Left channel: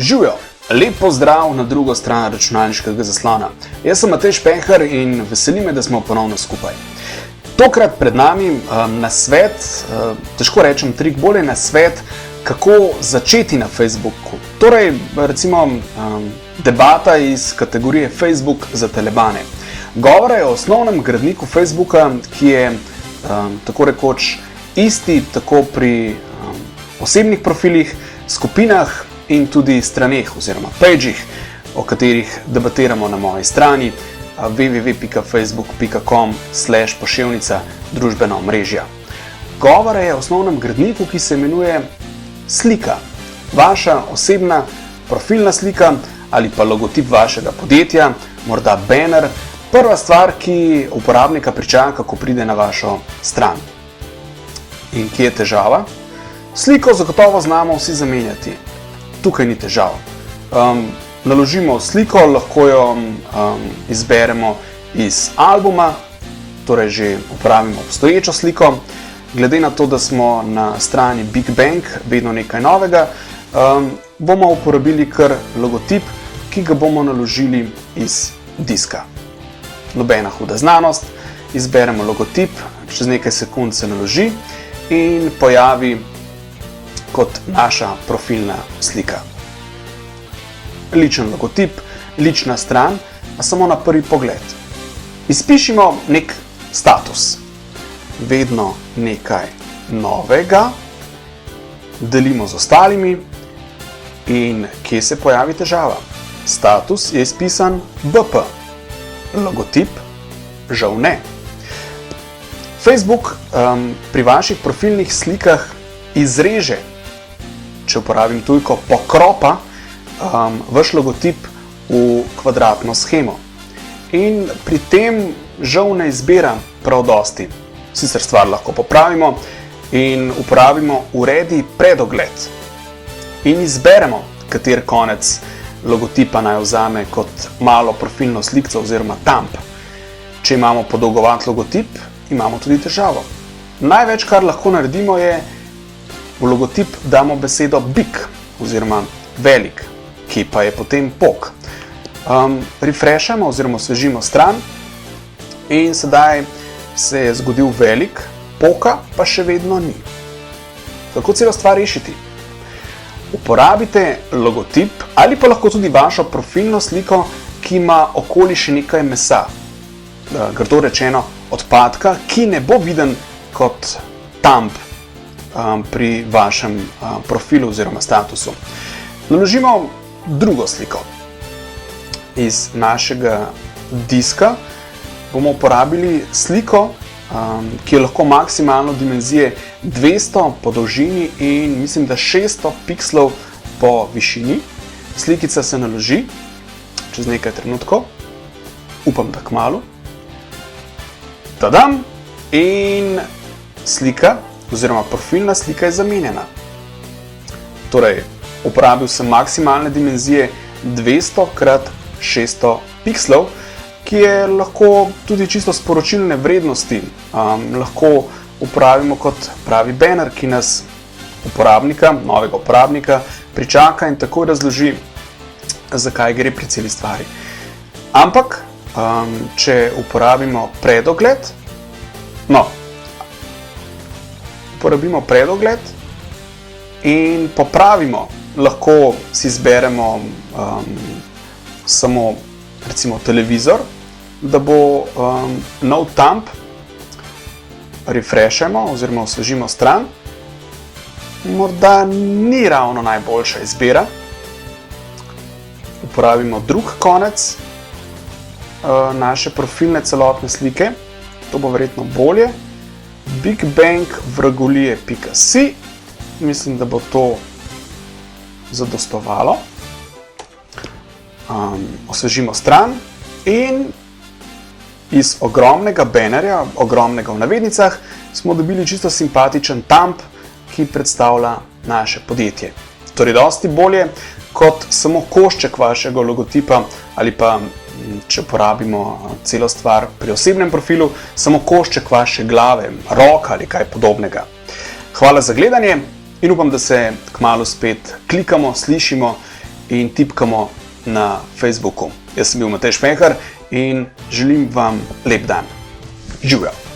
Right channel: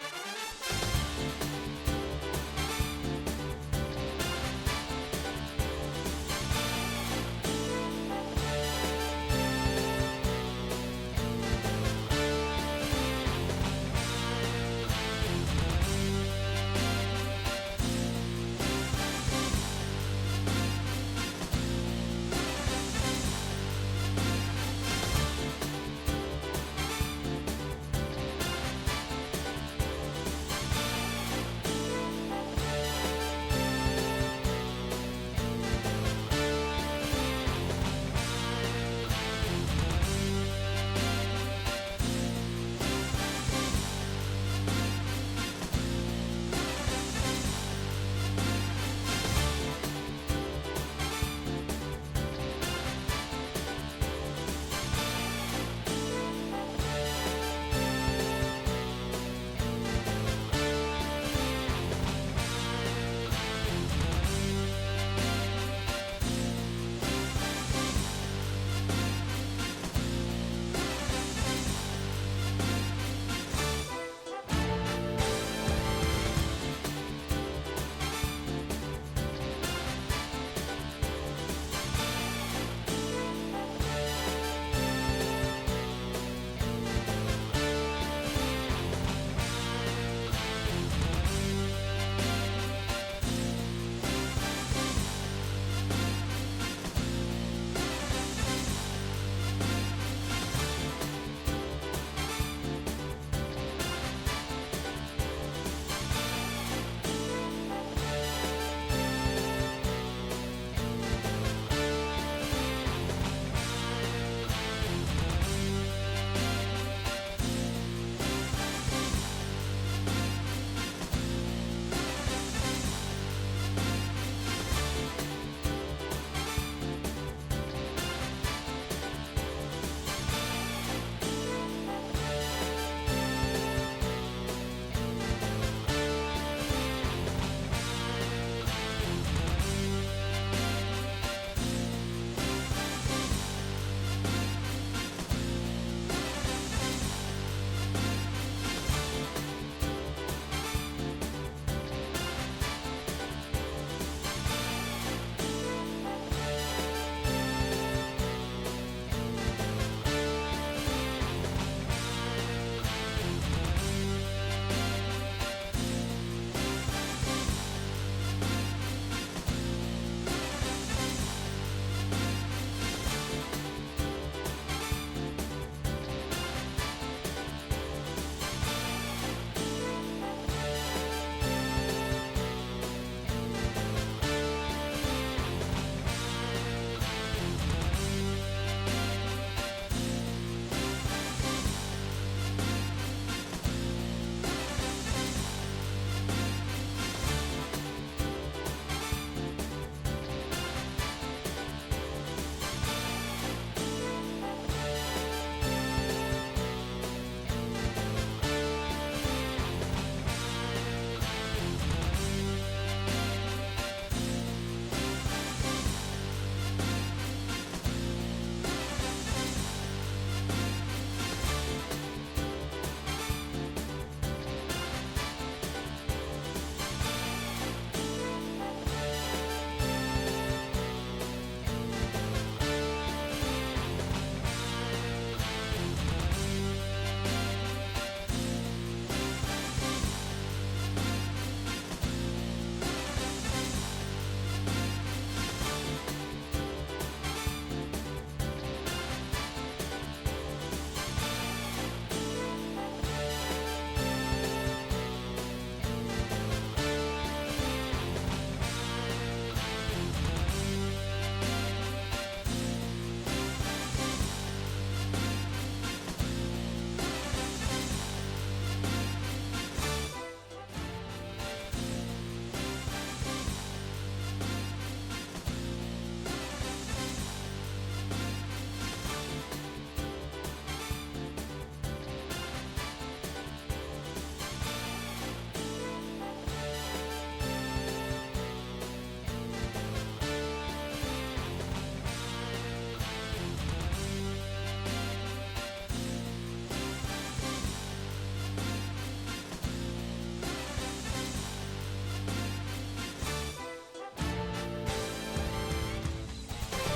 Živijo, lep pozdrav na drugo stran računalniškega zaslona. Jaz sem Matej Špenhar in veseli me, da smo ponovno skupaj. Tokrat pred nami nasvet, težko rečem trik, bolje nasvet, kako začeti na Facebooku. Torej, recimo, debata iz kategorije Facebook za telebane. Govora je o osnovnem gradniku Facebooka, ki je tako rekoč isti tako pri osebnih profilih, skupinah in tudi straneh oziroma pageh, o katerih debatiramo na moji strani www.facebook.com/poševnica družbena omrežja. Govora je o osnovnem gradniku, ki se imenuje slika. Vaša osebna profilna slika ali pa logotip vašega podjetja, morda banner, prva stvar, ki uporabnika pričaka, ko pride na vašo stran. In kje je težava? Sliko zagotovo znamo vsi zamenjati. Tukaj ni težav. Naložimo sliko, lahko jo izberemo iz albuma, torej že uporabimo obstoječo sliko. Glede na to, da smo na strani Big Bang, vedno nekaj novega, bomo uporabili kar logotip, ki ga bomo naložili iz diska. Nobena huda znanost, izberemo logotip, čez nekaj sekund se naloži in pojavi kot naša profilna slika. Ličen logotip, lična stran, a samo na prvi pogled. Izpišimo nek status. Vedno nekaj novega, delimo z ostalimi in kje se pojavi težava? Status je izpisan BP, logotip žal ne. Facebook pri vaših profilnih slikah izreže, če uporabim tujko, pokropa vaš logotip v kvadratno shemo. In pri tem žal ne izbira prav dosti. Sicer stvar lahko popravimo in uporabimo uredi predogled. In izberemo, kater konec logotipa naj vzame kot malo profilno slikco oziroma thumb. Če imamo podolgovat logotip, imamo tudi težavo. Največ, kar lahko naredimo, je v logotip damo besedo big oziroma velik, ki pa je potem pok. Refreshamo oziroma osvežimo stran in sedaj se je zgodil velik, poka pa še vedno ni. Kako celo stvar rešiti? Uporabite logotip ali pa lahko tudi vašo profilno sliko, ki ima okoli še nekaj mesa, grdo rečeno odpadka, ki ne bo viden kot thumb pri vašem profilu oziroma statusu. Naložimo drugo sliko. Iz našega diska bomo uporabili sliko, ki je lahko maksimalno dimenzije 200 po dolžini in mislim, da 600 pikslov po višini. Slikica se naloži čez nekaj trenutkov, upam, da kmalu. Tadam! In slika oziroma profilna slika je zamenjena. Torej, uporabil sem maksimalne dimenzije 200 x 600 pikslov, ki je lahko tudi čisto sporočilne vrednosti. Lahko uporabimo kot pravi banner, ki nas uporabnika, novega uporabnika, pričaka in takoj razloži, zakaj gre pri celi stvari. Ampak, če uporabimo predogled, uporabimo predogled in popravimo, lahko si izberemo samo recimo televizor, da bo nov thumb, refreshamo oziroma osvežimo stran. Morda ni ravno najboljša izbira. Uporabimo drug konec naše profilne celotne slike, to bo verjetno bolje. bigbangvragolije.si, mislim, da bo to zadostovalo. Osvežimo stran in iz ogromnega bannerja, ogromnega v navednicah, smo dobili čisto simpatičen thumb, ki predstavlja naše podjetje. Torej, dosti bolje kot samo košček vašega logotipa ali pa, če uporabimo celo stvar pri osebnem profilu, samo košček vaše glave, roka ali kaj podobnega. Hvala za gledanje in upam, da se kmalu spet klikamo, slišimo in tipkamo na Facebooku. Jaz sem bil Matej Špehar in želim vam lep dan. Živjo!